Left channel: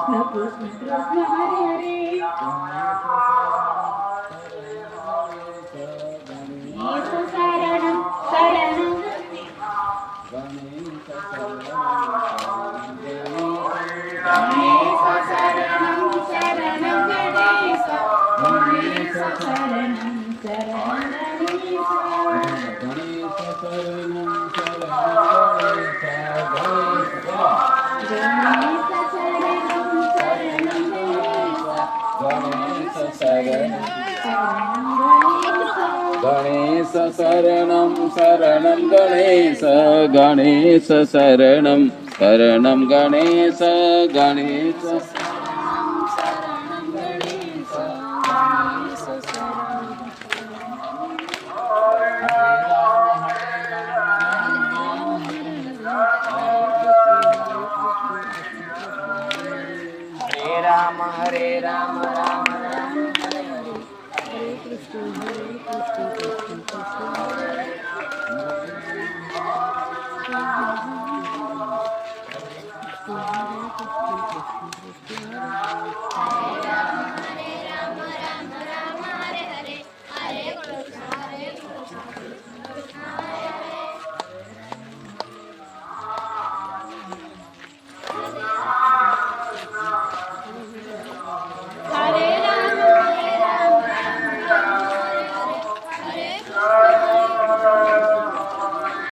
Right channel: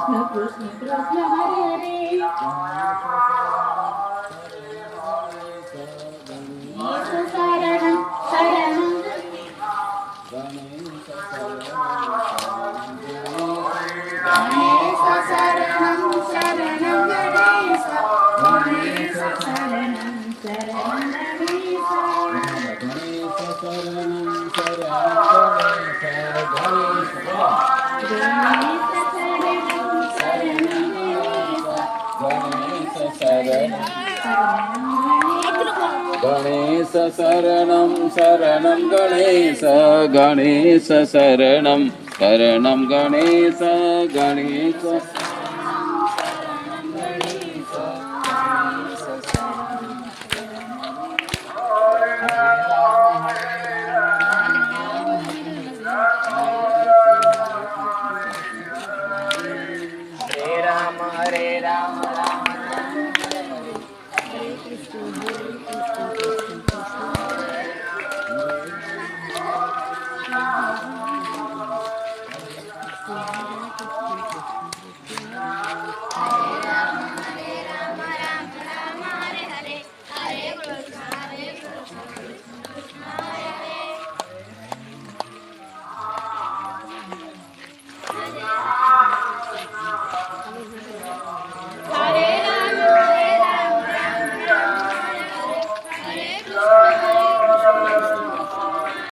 कृष्ण कृष्ण हरे हरे गणेश शरणं शरणं गणेश शरणं शरणं गणेश गणेश शरणं शरणं गणेश गणेश शरणं शरणं गणेश गणेश शरणं शरणं गणेश गणेश शरणं गणेश शरणं शरणं गणेश गणेश शरणं शरणं गणेश गणेश हरे राम राम राम हरे हरे हरे कृष्ण कृष्ण कृष्ण